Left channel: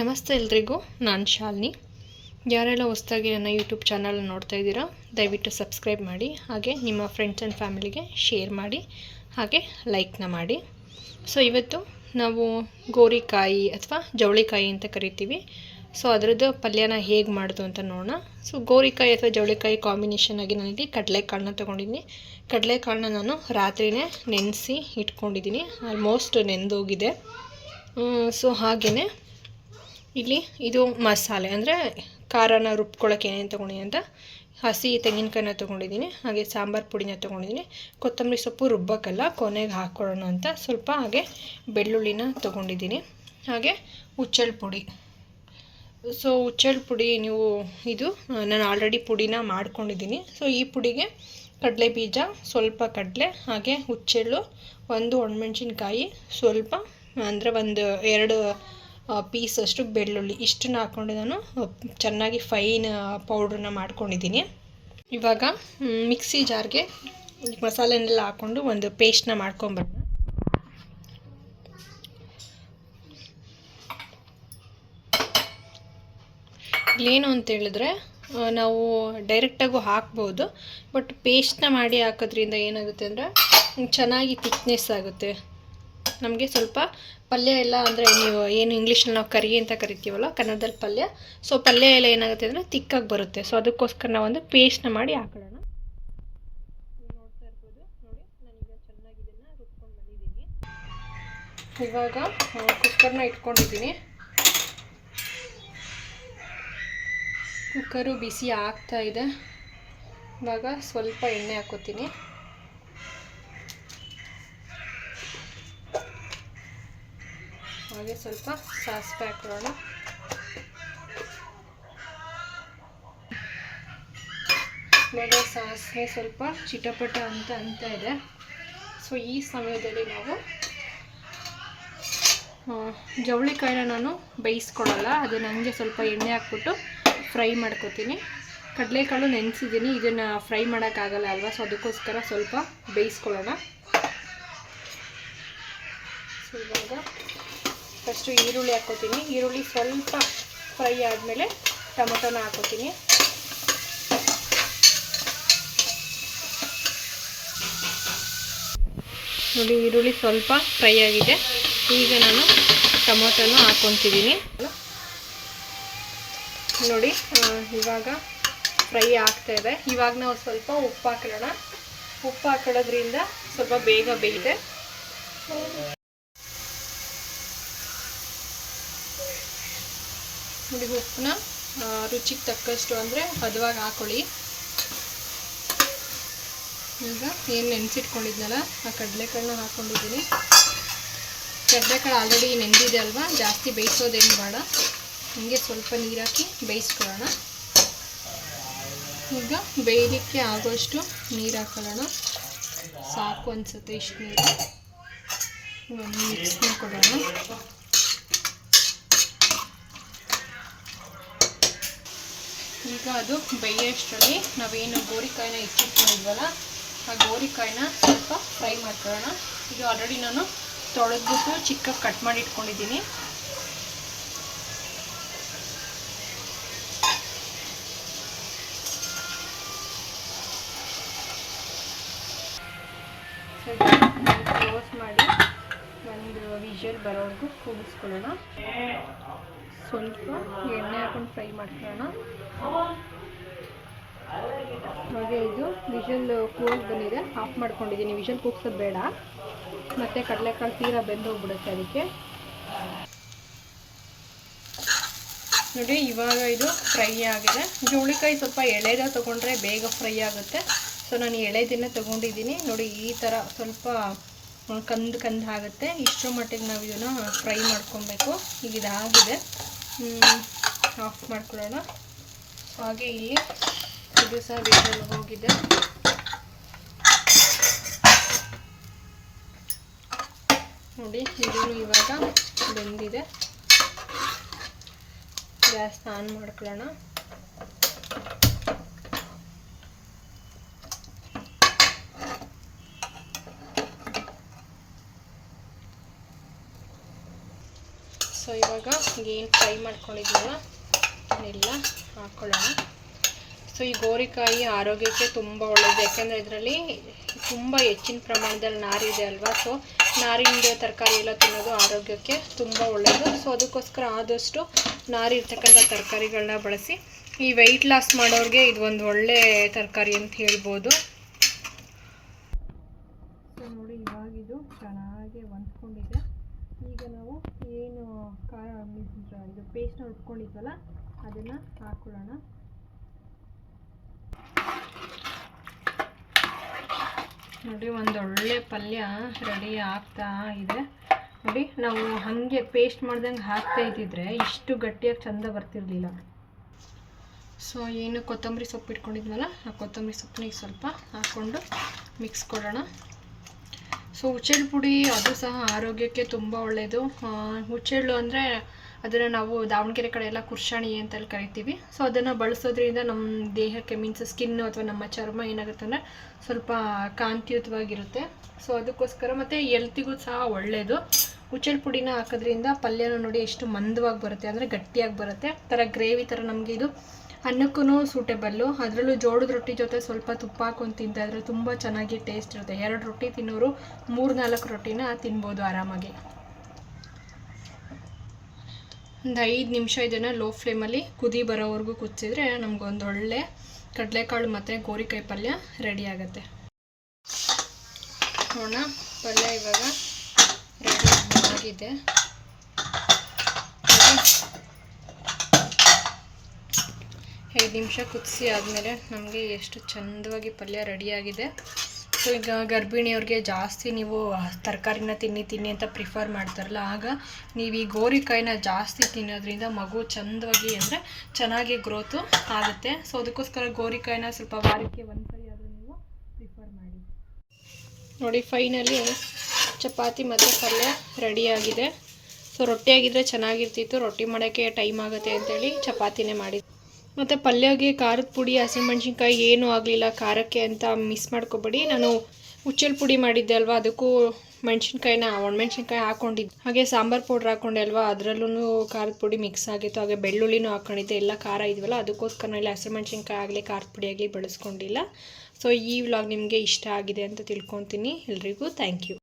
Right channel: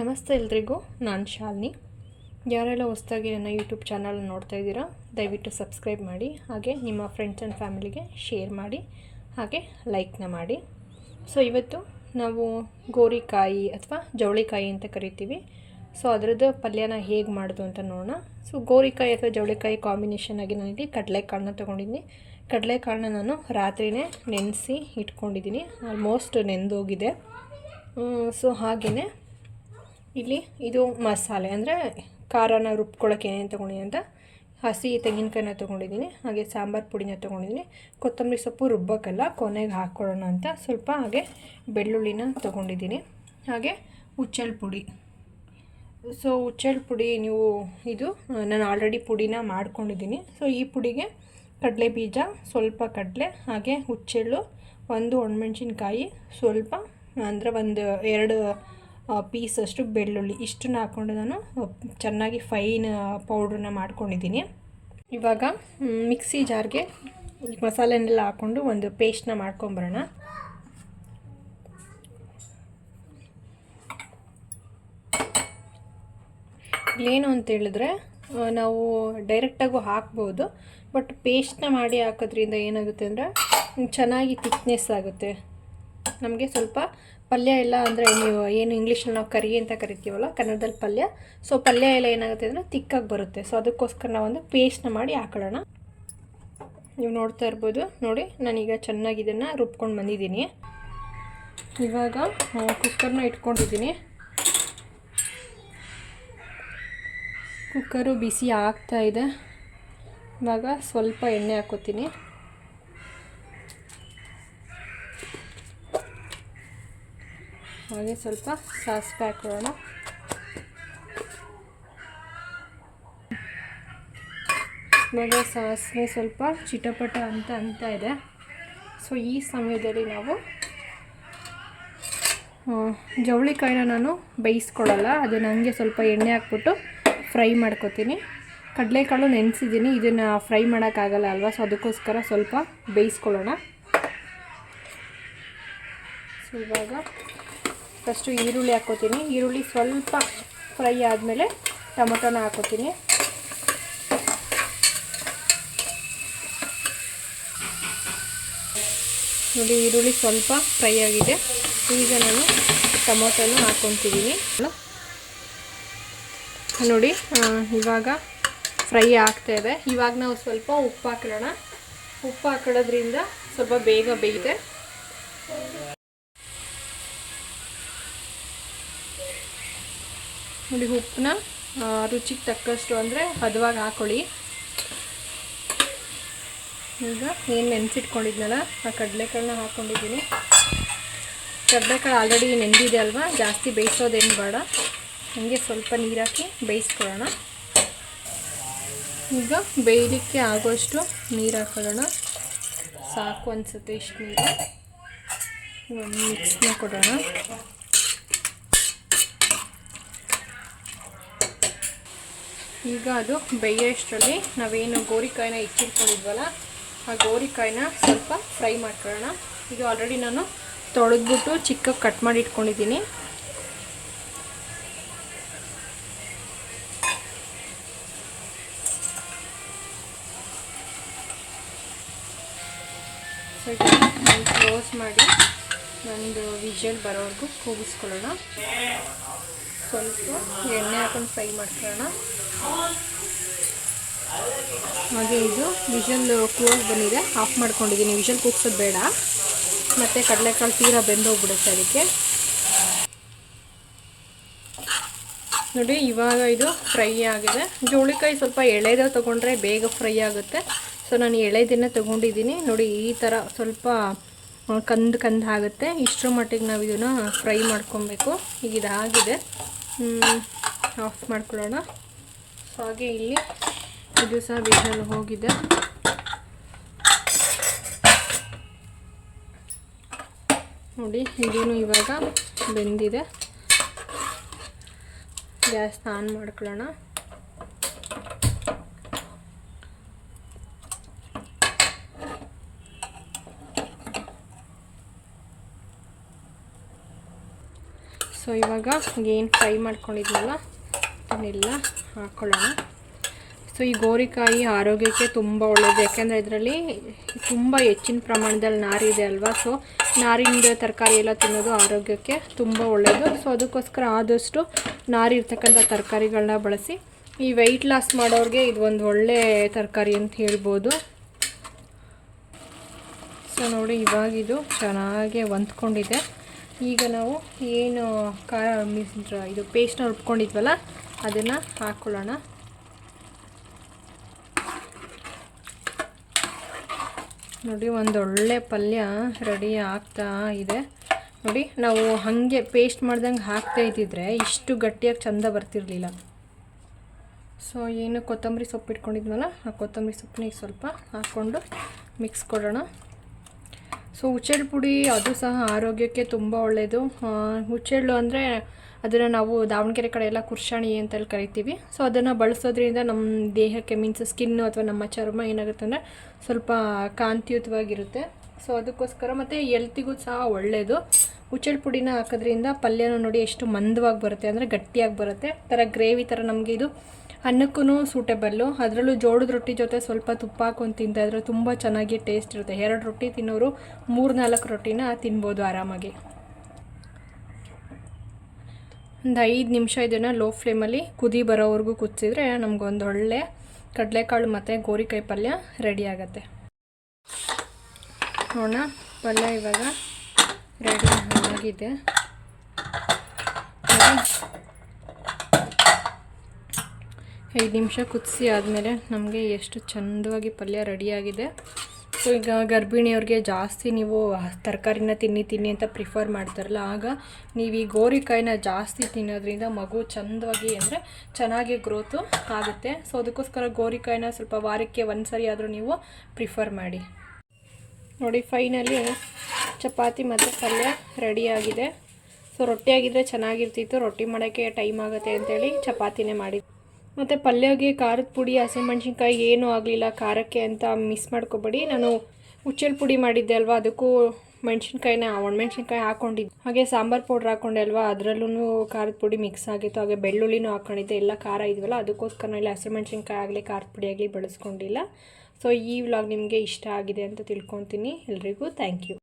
ನಮಸ್ತೆ ಎಲ್ರಿಗೂ, ನಾನು ಶಾಲಿನಿ. ಯಾರೆಲ್ಲ ಹೊಸ್ದಾಗಿ ನನ್ನ ಯೂಟ್ಯೂಬ್ ಚಾನಲ್ ನೋಡ್ತಾ ಇದ್ದೀರಾ, ದಯವಿಟ್ಟು ಸಬ್ಸ್ಕ್ರೈಬ್ ಮಾಡಿ, ಹಾಗೆ ನಿಮ್ಮ ಫ್ರೆಂಡ್ಸ್ ಆ್ಯಂಡ್ ಫ್ಯಾಮಿಲಿಗೆ ಶೇರ್ ಮಾಡಿ, ಹಾಗೆ ಲೈಕ್ನ ಮಾಡಿ. ಸೊ ಇವತ್ತು ನಾವು ಗೋರಿಕಾಯಿ ಅಥವಾ ಜವಳಿಕಾಯಿ ಅಂತ ಕರಿತೀವಿ. ಸೊ ಅದರದ್ದು ಪಲ್ಯನ ಹೇಗೆ ಮಾಡೋದು ಅಂತ ನೋಡೋಣ. ಸೊ ಗೋರಿಕಾಯಿ ಅಥವಾ ಜವಳಿಕಾಯಿ ಕಾಂಬಿನೇಷನ್ ಆಗಿ ನಾನಿಲ್ಲಿ ಕಡಲೆಕಾಳನ್ನ ತೊಗೊಂಡಿದ್ದೀನಿ ಕಡಲೆಕಾಳನ್ನ ನಾನು ರಾತ್ರಿನೇ ನೆನೆಸಿ ಇಟ್ಕೊಂಡಿದ್ದೀನಿ ಆಲ್ಮೋಸ್ಟ್ ನೆಂದೋಗಿದೆ. ಸೊ ಹಾಗೆಯೇ ಇಲ್ಲಿ ಇದು ಮಸಾಲೆ, ಅಂದರೆ ಖಾರನ ರುಬ್ಕೊಳ್ಳೋಕೆ ಏನೇನು ತೊಗೊಂಡಿದ್ದೀನಿ ಅಂತ, ಹಸಿ ತೆಂಗಿನಕಾಯಿನ ತೊಗೊಂಡಿದ್ದೀನಿ ಹಾಗೆ ಸಾಂಬಾರು ಪುಡಿನ ತೊಗೊಂಡಿದ್ದೀನಿ ಕೊತ್ತಂಬರಿ ಸೊಪ್ಪು ರುಬ್ಬೋಕ್ಕಲ್ಲ ಕೊನೆಗೆ ಹಾಕ್ಕೊಳ್ಳೋಣ ಅಂತ ಸ್ವಲ್ಪ ಹಾಗೆ ಬೆಳ್ಳುಳ್ಳಿನ ತೊಗೊಂಡಿದ್ದೀನಿ ಹಾಗೆ ಹುಚ್ಚಳ ಪುಡಿ. ಸೊ ಹುಚ್ಚಳ ಪುಡಿ ನೀವು ಇದು, ನಾನು ಆಲ್ರೆಡಿ ಪುಡಿನ ಮಾಡ್ಕೊಂಡಿದ್ದೀನಿ ಸೊ ಈ ಪುಡಿಗೆ ಕಡಲೆ ಬೀಜ, ಸ್ವಲ್ಪ ಕಡಲೆ, ಹಾಗೆ ಹುಚ್ಚೆಳ್ಳು, ಒಂದು ಒಣಮೆಣ್ಸಿನ್ಕಾಯಿ, ಸ್ವಲ್ಪ, ಅಂದರೆ ಒಂದು ಎರಡು ಪೀಸ್ ಅಷ್ಟು ಬೆಳ್ಳುಳ್ಳಿ ಇಷ್ಟನ್ನ ಹಾಕ್ಕೊಂಡು ನಾನು ಚೆನ್ನಾಗಿ ಫೈನ್ ಪೌಡ್ರನ್ನ ಮಾಡ್ಕೊಂಡಿದ್ದೀನಿ. ಇವಾಗ ಮಿಕ್ಸಿ ಜಾರ್ಗೆ ಮಸಾಲೆನೆಲ್ಲ ಹಾಕ್ಕೊಂಡು ಒಂದು ಪೇಸ್ಟ್ನ ಮಾಡ್ಕೊಂಬರೋಣ. ಏನು ಅಂತ ಹೇಳಿದ್ರೆ ನಾವು ಡೈರೆಕ್ಟಾಗೂ ಹಾಕ್ಬೋದು ಬಟ್ ಪೇಸ್ಟ್ನ ಮಾಡಿ ಹಾಕೋದ್ರಿಂದ ಏನಾಗುತ್ತೆ ಅಂದರೆ ಚೆನ್ನಾಗಿ ತಿಕ್ನೆಸ್ ಆಗುತ್ತೆ. ನಮಗೆ ಸ್ವಲ್ಪ ಪಲ್ಯ ಎಲ್ಲ ಅಂದರೆ ನೀವು ಏನು ಇಂಗ್ಲೀಷಲ್ಲಿ ನಾವು ಕರಿ ಅಂತ ಕರಿತೀವಲ್ಲ, ಕನ್ನಡದಲ್ಲಿ ಪಲ್ಯ. ಸೊ ಪಲ್ಯ ಎಲ್ಲ ಏನಾಗುತ್ತೆ ಅಂದರೆ ತಿಕ್ಕಾಗಿ ಬರುತ್ತೆ. ಸೊ ಅದಕ್ಕೋಸ್ಕರ ನಾವೊಂದು ಪೇಸ್ಟ್ನ ಮಾಡಿ ಹಾಕೊಳ್ಳೋಣ. ನೀವು ನೋಡ್ತಾ ಇರ್ಬೋದು. ನೋಡಿ, ನಾನೀಗ ಚೆನ್ನಾಗಿ ಇದನ್ನು ರುಬ್ಕೊಂಡು ಬಂದಿದ್ದೀನಿ. ಇವಾಗ ಕುಕ್ಕರ್ನ ಇಟ್ಕೊಂಡಿದ್ದೀನಿ. ಕುಕ್ಕರು ಬಿಸಿ ಆಗ್ತಾ ಇದೆ. ಇವಾಗ ಸ್ವಲ್ಪ ಎಣ್ಣೆ ಹಾಕೋತೀನಿ. ಹಾಗೆ ಸ್ವಲ್ಪ ಸಾಸಿವೆ ಹಾಕೋಣ ಇವಾಗ ಸಾಸಿವೆ ಸ್ವಲ್ಪ ಚಿಟಪಟ ಅಂತ ಅಂತ ಇದೆ. ಸೊ ಈ ಸಮಯದಲ್ಲಿ ನಾವು ಜವಳಿಕಾಯಿನ ನಾನು ಬೇಯಿಸ್ಕೊಳ್ಳಲ್ಲ. ಅದನ್ನು ಹಂಗೆ ಸ್ವಲ್ಪ ಎಣ್ಣೆ ಹಾಕ್ಬಿಟ್ಟು ಫ್ರೈ ಮಾಡ್ಕೊತೀನಿ. ಕಡಲೆಕಾಳು ನೆನೆಸಿದ್ದೀನಿ. ಇದನ್ನು ಫ್ರೈ ಮಾಡೋಕ್ಕಾಗಲ್ಲ ಅಲ್ವಾ? ಸೊ ಅದಕ್ಕೋಸ್ಕರ ಸ್ವಲ್ಪ ಬೇಯಿಸ್ಕೊಳ್ಳೋಣ. ಸೊ ಇವಾಗ ಫಸ್ಟು ಈರುಳ್ಳಿ ಹಾಕ್ಕೋತೀನಿ ಈರುಳ್ಳಿ ಸ್ವಲ್ಪ ಫ್ರೈ ಆದಮೇಲೆ ಟೊಮೊಟೊನ ಹಾಕೋತೀನಿ. ನೋಡಿ, ಈರುಳ್ಳಿ ಸ್ವಲ್ಪ ಫ್ರೈ ಆಗಿದೆ. ಈಗ ನಾನು ಟೊಮೊಟೊನು ಹಾಕ್ಕೊತಿದ್ದೀನಿ ನೋಡಿ ಇವಾಗ ಫ್ರೈ ಆಗ್ತಾ ಇದೆ. ಇವಾಗ ನಾವು ಸ್ವಲ್ಪ ಉಪ್ಪು ಹಾಕೋಣ ಉಪ್ಪು ಹಾಕೊಳ್ಳೋದ್ರಿಂದ ಸ್ವಲ್ಪ ಬೇಗ ಬೇಯಿದೆ ನೋಡಿ ಉಪ್ಪನ್ನ ರುಚಿಗೆ ತಕ್ಕಷ್ಟು ಅಂದರೆ ಹದವಾಗಿ ಹಾಕೊಳ್ಳಿ. ಈಗ ಏನು ನೆನೆಸಿಟ್ಕೊಂಡಿದ್ನಲ್ಲ, ಆ ಕಡಲೆಕಾಳನ್ನ ಹಾಕ್ಕೊಂಡಿದ್ದೀನಿ ಕಡಲೆಕಾಳು ಆಲ್ರೆಡಿ ನೆಂದಿದೆ ಅಲ್ವಾ? ಜಾಸ್ತಿ ಬೇಯಿಸೋದೇನು ಬೇಡ. ಹಂಗೆ ಸ್ವಲ್ಪ ನೀರು ಹಾಕಿ ಬೇಯಿಸ್ಕೊಳ್ಳೋಣ. ಈಗ ಬೇಯಲಿಕ್ಕೆ ಆಗೋಷ್ಟು ನೀರು ಹಾಕೊಳ್ಳೋಣ. ಸಾಕು ಅನಿಸುತ್ತೆ ಇಷ್ಟು ನೀರು. ಒಂದು ಮಿಕ್ಸ್ನ ಕೊಡೋಣ. ಈಗ ಅದು ಬೇಯೋಷ್ಟರಲ್ಲಿ ನಾವೇನು ಗೋರಿಕಾಯಿನ ಇಚ್ಚಿಟ್ಕೊಂಡಿದ್ವಲ್ಲ ಆ ಗೋರಿಕಾಯಿನ ಸ್ವಲ್ಪ ಫ್ರೈ ಮಾಡ್ಕೊಳ್ಳೋಣ. ಇದು ಆಲ್ರೆಡಿ ನಾನು ತೊಳೆದ್ಬಿಟ್ಟು ಚಿಕ್ಕ ಕಟ್ ಮಾಡಿ ಇಟ್ಕೊಂಡಿದ್ದೀನಿ. ಕ್ಲೋಸ್ ಮಾಡಿ ಒಂದು ವಿಜಲ್ ಬರೋವರೆಗೂ ಕೂಗಿಸ್ಕೊಳ್ಳೋಣ. ಸ್ವಲ್ಪ ಎಣ್ಣೆ ಹಾಕೊಂಡು ಫ್ರೈ ಮಾಡ್ಕೊಳ್ಳೋಣ. ಹಾಗೆ ಇದು ವಿಷಲ್ ಕ್ಲೋಸ್ ಬಂದಿದೆ, ಆಫ್ ಮಾಡ್ಕೊಂಡಿದ್ದೀನಿ. ವಿಷಲ್ ಕೂಗ್ಸೋದು ಬೇಡ. ಮತ್ತು ಕಡಲೆಕಾಳು ತೀರಾ ಬೆಂದೋಗ್ಬಿಡುತ್ತೆ ಅದಕ್ಕೆ. ನೋಡಿ, ಇವಾಗ ಇದು ಫ್ರೈ ಆಗಿದೆ. ಜೋಳಿಕಾಯಿ ಸ್ವಲ್ಪ ಎಳೆದ ತೊಗೊಂಡ್ರೆ ಬೇಗ ಫ್ರೈ ಆಗುತ್ತೆ. ಸೊ, ನಾನು ಎಳೆದಿನ ತೊಗೊಂಡಿದ್ದೀನಿ. ನೋಡಿ, ಈ ಥರ ಸ್ವಲ್ಪ ಕಂದು ಕಂದು ಆಗುತ್ತೆ. ಇಷ್ಟರ ಮಟ್ಟಿಗೆ ನಾವು ಇದನ್ನು ಫ್ರೈ ಮಾಡ್ಕೊಬೇಕು. ಈಗ ಇದಾಗಿದೆ. ಆಫ್ ಮಾಡ್ಕೊಳ್ಳೋಣ. ಹಾಗೆ ಇಲ್ಲಿ ಇದು ಸಹ ಹೋಗಿದೆ. ನೋಡಿ ಇದನ್ನು ಇವಾಗ ಬೆಂದಿದೆ. ಗ್ಯಾಸ್ ಆನ್ ಮಾಡ್ಕೊಳ್ಳೋಣ. ಸೊ ಇವಾಗ ಏನು ಫ್ರೈ ಮಾಡ್ಕೊಂಡಿದ್ವಲ್ಲ ಅದನ್ನೆಲ್ಲ ಹಾಕ್ಕೊಳ್ಳೋಣ ಸೊ ಈ ಗೋರಿಕಾಯಿ ಆರೋಗ್ಯಕ್ಕೆ ತುಂಬ ಒಳ್ಳೆಯದು ಯಾಕೆಂದರೆ ಇದರಲ್ಲಿ ತುಂಬ ಹೆಚ್ಚಿನ ಪ್ರಮಾಣದಲ್ಲಿ ನಾರಿದೆ ಅಲ್ವಾ? ಸೊ ನಾರಿನ ತರಕಾರಿ ಎಲ್ಲ ತಿನ್ನೋದು ಆರೋಗ್ಯಕ್ಕೆ ತುಂಬ ಒಳ್ಳೆಯದು ಸೊ ಅದಕ್ಕೋಸ್ಕರ ಆದಷ್ಟು ನಾರಿ ಇರ್ತಕ್ಕಂಥ ತರಕಾರಿಗಳನ್ನ ಬಳಸಿ. ಈ ವೆಯ್ಟ್ ಲಾಸ್ ಮಾಡೋರಿಗೆ ಇದು ಒಂದು ಒಳ್ಳೆ ತರಕಾರಿ ಅಂತ ಹೇಳ್ಬೋದು. ಸೊ ನೋಡಿ ಇವಾಗಿದು ಚೆನ್ನಾಗಿ ಹೊಂದ್ಕೊಂಡಿದೆ. ಈಗ ನಾವು ಏನು ಖಾರ ಮಿಸ್ ಇದು ಪೇಸ್ಟ್ನ ರುಬ್ಕೊಂಡಿದ್ವಲ್ಲ, ಅದನ್ನು ಹಾಕ್ಕೊಳ್ಳೋಣ ನೋಡಿ, ಒಂದು ಒಳ್ಳೆ ಪಲ್ಯ ರೆಡಿ ಆಗ್ತಾ ಇದೆ. ನೋಡಿ, ನಾವು ಹಾಗೆ ಪೇಸ್ಟ್ ಮಾಡ್ದಂಗೆ ಹಾಕ್ತಾ ಇದ್ದಿದ್ರೆ ಇಷ್ಟು ಗಟ್ಟಿಯಾಗಿ ಚಂದ ಬರ್ತಿರಲಿಲ್ಲ. ಸೊ ಏನು ಕೊತ್ತಂಬರಿ ಸೊಪ್ಪು ಇಟ್ಕೊಂಡಿದ್ವಲ್ಲ, ಆ ಕೊತ್ತಂಬರಿ ಸೊಪ್ಪನ್ನ ಸ್ವಲ್ಪ ಹಾಕ್ಕೊಂಡು ಮಿಕ್ಸ್ ಕೊಡೋಣ. ಸೊ ಹುಚ್ಚೆಳ್ಳು ಪುಡಿ ಅದು ಸಹ ಆರೋಗ್ಯಕ್ಕೆ ತುಂಬ ಒಳ್ಳೆಯದು ಹುಚ್ಚೆಳ್ಳು ಅಂದರೆ ಅದನ್ನು ನಾವು ದಾವಣಗೆರೆ ಕಡೆ ಎಲ್ಲ ಕುರ್ಷಾಣಿ ಅಂತೇಳಿ ಕರಿತೀವಿ. ಸೊ ಅದನ್ನು ಬಳಸೋದ್ರಿಂದ ನಮ್ಮ ದೇಹಕ್ಕೆ ಮೀನ್ಸ್ ಸ್ಕಿನ್ನು ಅಥವಾ ನಮ್ಮ ಚರ್ಮ ಏನಾಗುತ್ತೆ ಅಂದರೆ ಸ್ವಲ್ಪ ಕಾಂತಿಯುತವಾಗಿರುತ್ತೆ. ಸೊ ಅದಕ್ಕೋಸ್ಕರ ಮತ್ತು ಎಲ್ತಿಗೂ ಸಹ ಒಳ್ಳೆಯದು ಹುಚ್ಚೆಳ್ಳು ಪುಡಿನ ಹಾಕೋದ್ರಿಂದ ಪಲ್ಯನೂ ನೋಡಿ ಎಷ್ಟು ಮಂದವಾಗಿ ಬರುತ್ತೆ ಅಂದರೆ ಗಟ್ಟಿಯಾಗಿ ಬರುತ್ತೆ. ಥರ ಗ್ರೇವಿ ಥರ ನಮಗೆ ಇದು ಅನ್ನಕ್ಕೂ ಸೂಟೇಬಲ್ಲು. ಅದರಲ್ಲೂ ಜೋಳದ ರೊಟ್ಟಿ ಜೊತೆ ಸ್ವಲ್ಪ ತುಪ್ಪ ಹಾಕೊಂಡು ತಿಂತಾಯಿದ್ರೆ ತುಂಬ ಚೆನ್ನಾಗಿ ಟೇಸ್ಟ್ ಇರುತ್ತೆ. ಎರಡು ರೊಟ್ಟಿ ತಿನ್ನೋರು ಮೂರು ನಾಲ್ಕು ರೊಟ್ಟಿನ ತಿನ್ಬೋದು ಆರಾಮಾಗಿ. ಒಂದು ಐದು ನಿಮಿಷ ಇದನ್ನು ಲೋ ಫ್ಲೇಮಲ್ಲಿ ಕುದಿ ಬರೋವರೆಗೂ ಕುದಿಸಿದ್ರೆ ನಮಗೊಂದು ಒಳ್ಳೆ ಕಡಲೆಕಾಳು ಮತ್ತು ಗೋರಿಕಾಯಿ ಪಲ್ಯ ರೆಡಿ ಆಗುತ್ತೆ. ನೋಡೋಣ, ಪಲ್ಯ ಇವಾಗ ರೆಡಿ ಆಗಿದೆ ಐದು ನಿಮಿಷ ಕುದಿಸಿ ಆದಮೇಲೆ ನಮಗೆ ಎಷ್ಟು ಚಂದವಾಗಿ ಪಲ್ಯ ರೆಡಿಯಾಗಿದೆ. ಸೊ ಈಗ ಗರ್ಭಿಣಿಯವ್ರಿಗೆ ಜಾಸ್ತಿ ನೀವು ತರಕಾರಿನ ತಿನ್ನಿ ತಿನ್ನಿ ಅಂತ ಪ್ರಿಫರ್ ಮಾಡ್ತಾರಲ್ಲ, ಆಗ ನೀವು ಈ ಗೋರಿಕಾಯಿನ ಜಾಸ್ತಿ ತಿನ್ನೋದ್ರಿಂದ ಮಗು ಚಂದವಾಗಿ ಅಂದರೆ ಚೆನ್ನಾಗಿ ಗ್ರೋತು ಆಗುತ್ತೆ. ಸೊ ಅದಕ್ಕೋಸ್ಕರ ಗೋರಿಕಾಯಿನ ಸ್ವಲ್ಪ ವಾರಕ್ಕೆ ಒಂದು ಸರಿ ಆದರೂ ನೀವು ಪ್ರಿಫರ್ ಮಾಡಿ. ನೋಡಿ ಫೈನಲಿ ಚಪಾತಿ ಮತ್ತು ಪಲ್ಯ ರೆಡಿಯಾಗಿದೆ. ಸೊ ರೊಟ್ಟಿ ಆಗಿದ್ದರೆ ಚೆನ್ನಾಗಿರ್ತಿತ್ತು, ರೊಟ್ಟಿ ಮಾಡೋಕ್ಕೆ ಟೈಮ್ ಆಗುತ್ತೆ ಅಂತೇಳಿ ಚಪಾತಿನೇ ಮಾಡಿ ಮತ್ತು ಪಲ್ಯಗೆ ಖಾರದ ಪುಡಿ, ಹಸಿಮೆಣ್ಸಿನ್ಕಾಯಿ ಏನೂ ಆಗಲಿಲ್ಲ. ಖಾರಕ್ಕೆ ಅಂತ ಮಿಸ್ ಮಾಡ್ಕೊಬೇಡಿ. ನಾನು ಹುಚ್ಚಲ್ ಪುಡಿ ಮಾಡಿದ್ದೆ ಅಲ್ವಾ? ಅದಕ್ಕೂ ಮೆಣಸಿನ್ಕಾಯಿನ, ಒಣಮೆಣ್ಸಿನ್ಕಾಯಿ ಹಾಕ್ಕೊಂಡಿದ್ದೆ ಹಾಗೆ ಸಾಂಬಾರು ಪೌಡ್ರ್ ಹಾಕ್ಕೊಂಡೆ ಅಲ್ವಾ? ಅದರಲ್ಲೂ ಖಾರದ ಪುಡಿ ಮಿಕ್ಸ್ ಆಗಿತ್ತು. ಹಾಗೆ ಬೆಳ್ಳುಳ್ಳಿನೂ ಹಾಕ್ಕೊಂಡಿದ್ದೆ ಎಲ್ಲ ಖಾರ ಇದ್ವಲ್ಲ, ಅದಕ್ಕೋಸ್ಕರ ಇಲ್ಲಿ ಹಸಿಮೆಣ್ಸಿನ್ಕಾಯಿ ಆಗಲಿ ಖಾರದ ಪುಡಿ ಆಗಲಿ ಬಳಸ್ಕೊಂಡಿಲ್ಲ. ಸೊ ಈ ವ್ಲಾಗ್ ನಿಮಗೆ ಇಷ್ಟ ಆಗಿದೆ ಅಂತ ತಿಳ್ಕೊತೀನಿ ಎಲ್ರಿಗೂ. Thank you